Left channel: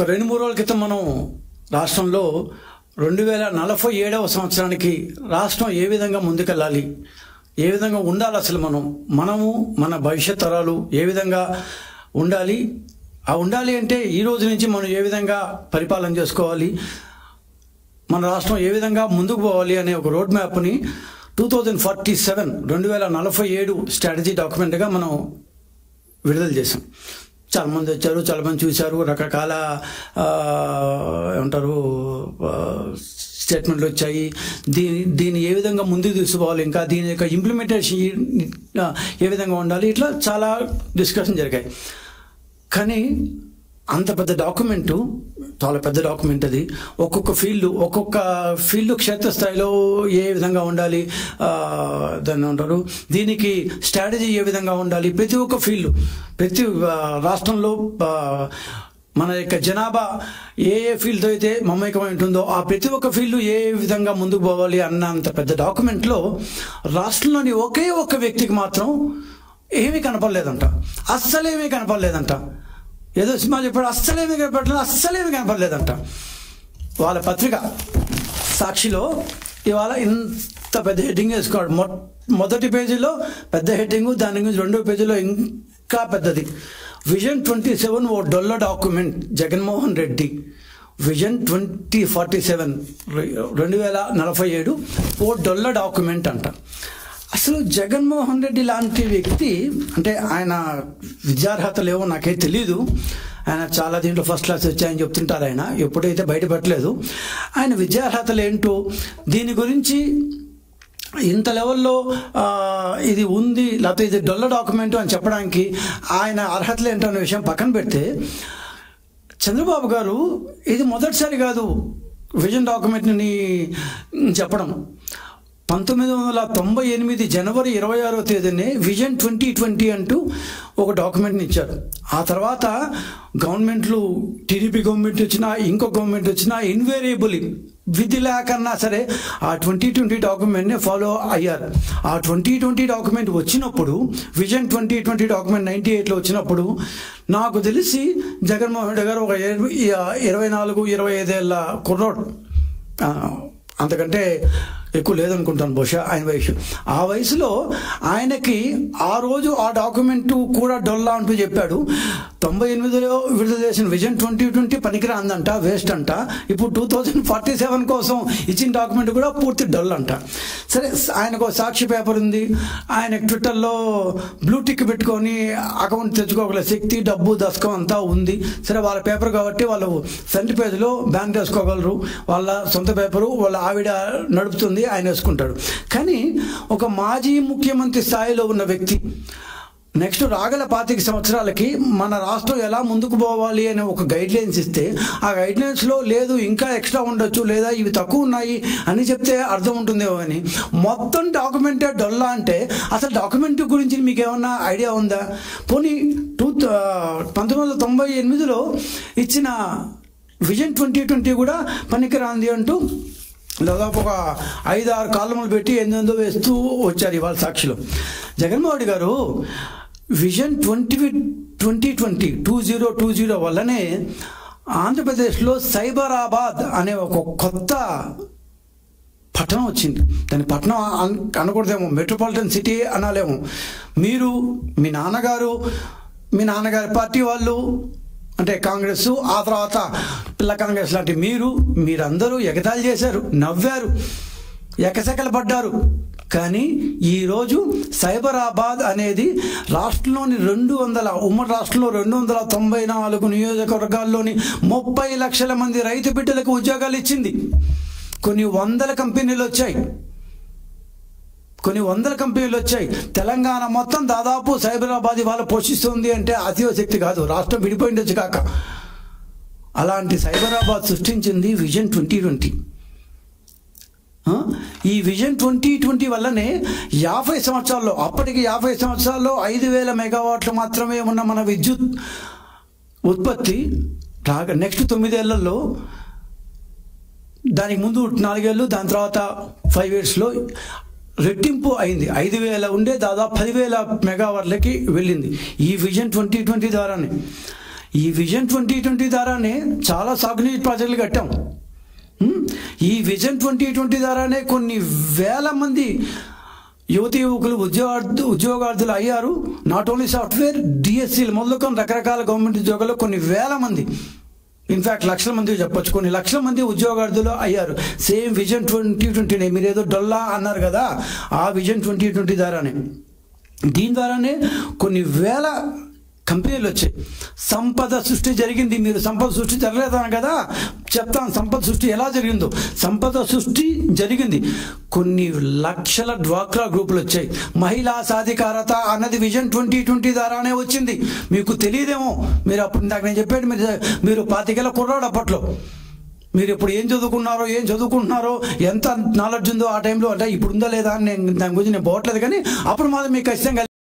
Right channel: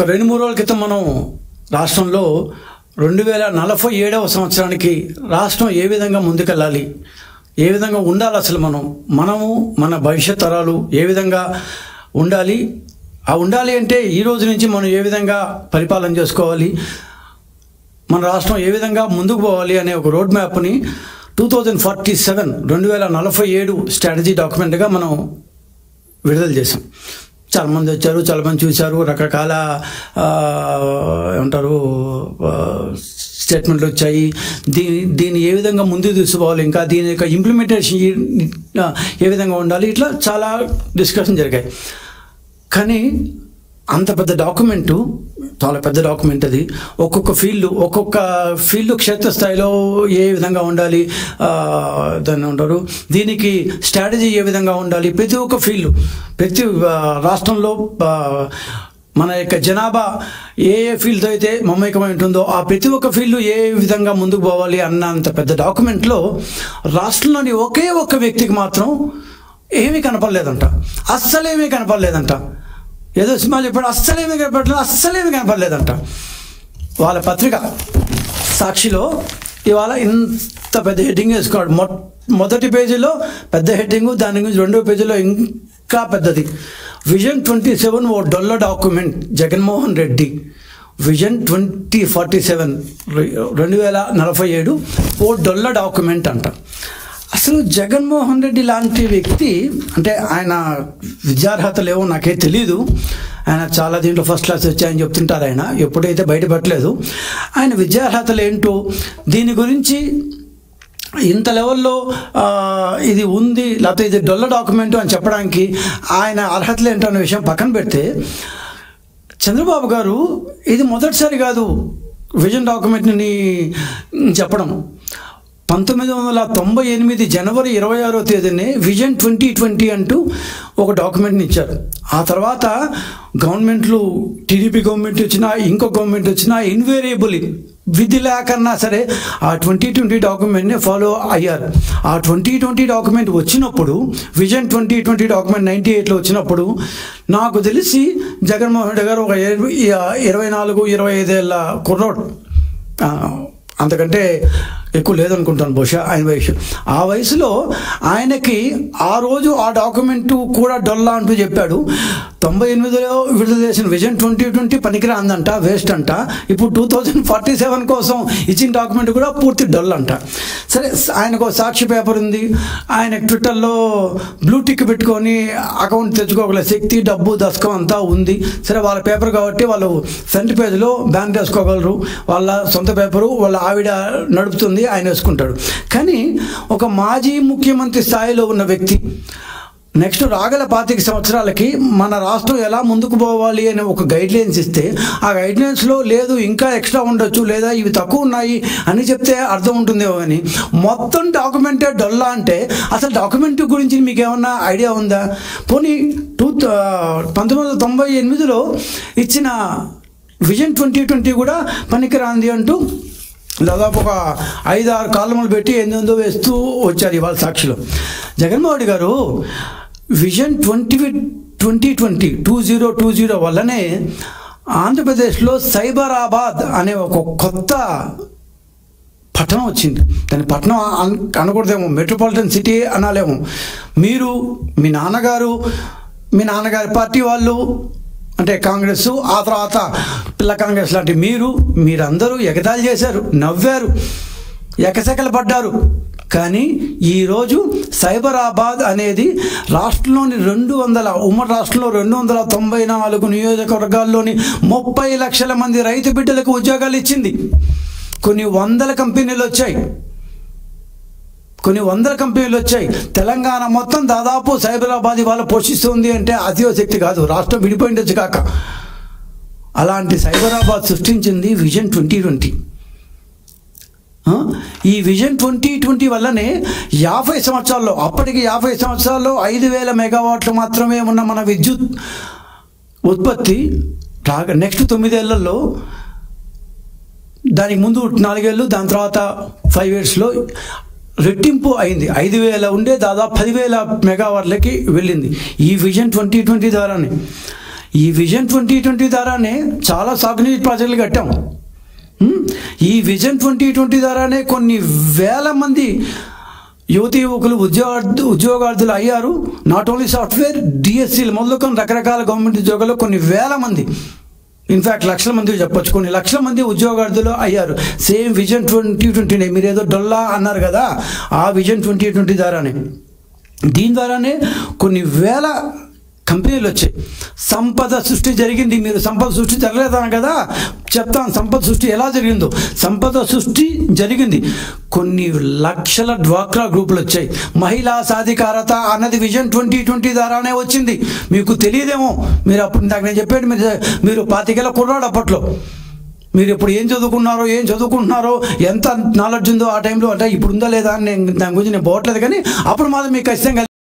ఒక 2-3 రోజుల క్రితం మనం రాష్ట్రంలో 2047వ సంవత్సరానికి రాష్ట్రం ఏ విధంగా ముందుకెళ్ళాలి, ఏ విధంగా ఉండాలి, అసలు మనము మన భవిష్యత్ తరాలు ఏ విధంగా ఉండాలి, ఉండాలి అంటే ఈ రోజు నుంచి మనం ఏ విధంగా పరిపాలన చేసుకోవాలి, మన రాష్ట్రం ఏ విధంగా ముందుకు పోవాలి అనే ఒక రోడ్ మ్యాప్ని 2047 స్ట్రాటజీ డాక్యుమెంట్గా మనం విడుదల చేసాం. చాలామంది వచ్చారు, చాలామంది చూశారు, రకరకాల ఏమంటారు స్టేట్మెంట్లు వచ్చాయి. దీన్ని ఏ విధంగా ముందుకు తీసుకోవాలి, ఇంకా దీని యొక్క ఇంప్లిమెంటేషన్ ఏ విధంగా ఉండాలి, ఇట్లా చాలా డిస్కషన్ జరిగాయి. కానీ అంత పెద్ద డాక్యుమెంటు, చాలా పెద్ద డాక్యుమెంట్ అది. ఒక్కొక్క ఫీల్డ్ క్షేత్రస్థాయిలో ఏ విధంగా ఉండాలి, దాన్ని అంటారు, దీనికి స్ట్రాటజీ ఏ విధంగా ఉండాలి, ప్రతి ఒక్క ఫీల్డ్, ప్రతి రాష్ట్రంలో మన యొక్క జనాభా ఏ ఫీల్డ్తో అయితే మమేకమై ఉంటుందో ఆ ప్రతి ఒక్క ఫీల్డ్ ఏ విధంగా ముందుకు పోవాలి అన్న అంత పెద్ద డాక్యుమెంట్లో రాష్ట్రంలోని ఒకే ఒక్క వ్యక్తికి మాత్రం ఏమీ కనపడలేదంట. అస్సలేమీ కనపడలేదంట. ఏదో సినిమా చెప్పాడు, అస్సలేమీ కనపడలేదంట. వాళ్ళ పత్రిక సాక్షిలో ఇవాళ ఇంత పెద్ద హెడ్డింగ్ వేసుకోడు. మొదటి పేజీలో పెద్ద హెడ్డింగు, దాని గురించి రెండో పేజీలో ఇంకా పెద్దది. విజన్ 27 ఓ డొల్ల డాక్యుమెంట్, జగన్మోహన్ రెడ్డి విజన్ 2047 2047 ఓ డొల్ల డాక్యుమెంట్ అంట. అసలు జగన్మోహన్ రెడ్డి లాంటి వ్యక్తి, అంటే ఆయన విద్యార్హతలు ఏవో నాకే తెలీదు, ఆయన చాలా దీంట్లో ఫస్ట్ క్లాస్ వచ్చాయని చెప్తుంటారు, ఆయన ఎప్పుడైతే బయటపడలేదు. ఆయన విద్యార్హతలు ఏంటో, దీని గురించి ఇంత లెవెల్లో ఇది ఉంది, లేకపోతే ఇది డొల్ల డాక్యుమెంటు అని చెప్పడానికి ఆయన అర్హతలు ఏంటో అనే విషయం పక్కన పెడితే, చంద్రబాబు గారు ఇది మొదటిసారి కాదు విజన్ డాక్యుమెంట్ని చెప్పడం. 1998 జనవరి 26వ తేదీనే విజన్ 2020 అంటూ ఒక డాక్యుమెంట్ని ఇచ్చారు. ఆ తర్వాత గవర్నమెంట్లు, టీడీపీ గవర్నమెంట్ వచ్చినా, ఇంకో గవర్నమెంట్ వచ్చినా, ఇన్వేరియబుల్లీ విధి లేకన్నా సరే ఆ 2020 డాక్యుమెంట్ని ఫాలో అయ్యారు. ఆ 2020 డాక్యుమెంట్ వచ్చినప్పుడు, విజన్ 2020 డాక్యుమెంట్ 98లో వచ్చినప్పుడు, నాకు తెలిసి జగన్మోహన్ రెడ్డి గారు ఒక 24-25 ఏళ్ళ కుర్రోడు, అంతకంటే ఎక్కువ లేదనుకుంటాను బహుశా ఆయన వయసు. ఆ వయసులో ఆయనకి ఆ రోజు ఆ డాక్యుమెంటు కూడా డొల్లా అంటూ చెప్పాడు. 98లో విడుదల చేసిన విజన్ 2020 పనికిరాందంట, వేస్ట్ అంట. ఇప్పుడు 2047 కోసం ఇచ్చిన డాక్యుమెంట్ కూడా పూర్తి డొల్ అంట. సరే, ఆయనకు సాక్షి పేపర్ ఉంది, ఆయన ట్విట్టర్లో బ్లూ టిక్ పెట్టుకొని అకౌంట్ తెచ్చుకోగల శక్తి, డబ్బు, దశకం అంతా ఉంది. సరే, వాళ్ళ పేపర్ కాబట్టి వాళ్ళు ఫ్రంట్ పేజ్లో బ్యాన్ చేసుకోగలరు, వాళ్ళ సొంత పేపరు, వాళ్ళ ఆవిడ నడుపుతుంది, ఆయన వేసుకుంటాడు. కానీ ఒక మాజీ ముఖ్యమంత్రి స్థాయిలో ఉన్న వ్యక్తి నెక్స్ట్ రాగల 25 సంవత్సరాలకి మన రాష్ట్రం ఎలా ముందుకు పోవాలి అనే ఒక గైడ్లైన్స్ ఇస్తే, ఆ గైడ్లైన్స్లో లేదు ఇంకా ఎక్స్ట్రా ఉండొచ్చు, లేదా ఇవి తక్కువ ఉన్నాయి అని చెప్తే అర్థం ఉంటుందేమో. అని మొత్తం డాక్యుమెంటే డొల్లా అంటే అసలు డాక్యుమెంట్ గురించి మీకు ఏమన్నా ఐడియా ఉందా? పోనీ 1998లో ఇచ్చిన విజన్ 2020 కూడా పనికిరాంది అంటూ దాదాపు ఒక 5-6 కాలములు పెట్టి ఏందో వేస్తూ వచ్చారు ఇవాళ సాక్షిలో. జగన్మోహన్ రెడ్డి గారు విజన్ 2020 వల్లనే ఆంధ్రప్రదేశ్లో సైబరాబాద్ అనే ఒక కొత్త పట్టణం వచ్చింది. దాని పట్టణం అనకూడదేమో, మెట్రోపాలిటన్ సిటీ అనాలేమో. మీరు, మీ నాన్నగారి పార్టీ వాళ్ళు, అంటే కాంగ్రెస్, ఆ తర్వాత పిల్ల కాంగ్రెస్ లాంటి మీరందరూ ఎగతాళి చేశారు, నవ్వారు, ఎకసెకలు పడ్డారు. కానీ ఈరోజు సైబరాబాద్ అనేది రాష్ట్రంలోని ఉమ్మడి రాష్ట్రంలో 294 నియోజకవర్గాల్లోని 30 లక్షల మంది రైతు బిడ్డలకు ఉద్యోగాలు ఇచ్చింది. కొన్ని వందల కంపెనీలు వచ్చాయి. తెలంగాణ మొత్తం దాదాపు సైబరాబాద్ ఇవాళ పోషిస్తుంది అంటే అతిశక్తి కాదు, రాష్ట్రం విడిపోయిండొచ్చు కాక. అలాంటి సైబరాబాద్ సృష్టించింది విజన్ 2020. ఈ విజన్ 2020 వల్లనే 50 సంవత్సరాల్లో, అప్పటికి 50 సంవత్సరాల్లో 5000 మెగావాట్లు మాత్రమే ఉన్న మన విద్యుత్ ఉత్పత్తి నెక్స్ట్ 9 ఏళ్లలో, దానికి ముందు 4 ఏళ్ళు, దాని తర్వాత 5 ఇయర్స్లో రెట్టింపు అయింది. 5000 ఉండే దాదాపు 10,000 మెగావాట్లకి వెళ్ళింది ఈ విజన్ 2020 ద్వారానే. ఈ విజన్ 2020 ద్వారానే చాలా సాగునీటి ప్రాజెక్టులు కట్టాం. ఈ విజన్ 2020 ద్వారానే కొన్ని వేల మంది యువతి యువకులు ఉద్యోగార్థులు అయ్యారు. నాట్ ఓన్లీ సాఫ్ట్వేర్, డిఎస్సీలు మొదలుకొని రకరకాల గవర్నమెంట్ ఉద్యోగాల్లో కొన్ని వేల మంది, ఇన్ఫ్యాక్ట్ లక్షల మంది చెప్పొచ్చు, కొన్ని లక్షల మంది ఉద్యోగార్థులు అయ్యారు. సేమ్ విజన్ 2020నే. మీరు ఏదో డొల్లా అన్నారు కదా, ఆ విజన్ 2020 ద్వారానే, దీని ద్వారానే కొన్ని వేల కంపెనీలు వచ్చాయి. సంపద సృష్టి జరిగింది. మీరు సంపద సృష్టి జరగలేదాను కదా, చెప్తాను సంపద సృష్టి ఎలా జరిగిందో. సంపద సృష్టి జరిగింది. కొన్ని లక్షల డ్వాక్రా గ్రూపులు వచ్చాయి. మహిళా సాధికారత అన్నది విజన్ 2020 ద్వారానే వచ్చింది. మీకు తెలియదేమో, మీరు అప్పుడు ఇందాక నేను చెప్పాడు, మీరు 25 కుర్రాడు అప్పట్లో. మీరు ఇప్పుడు ఏం చదువుకుంటున్నారో ఎంత నాలెడ్జ్ ఉందో ఆ టైంలో, అంటే ఇప్పుడు ఉందా లేదా అని దాని గురించి నేను పోవట్లేదు, కానీ అప్పుడు మాత్రం మీకు ఖచ్చితంగా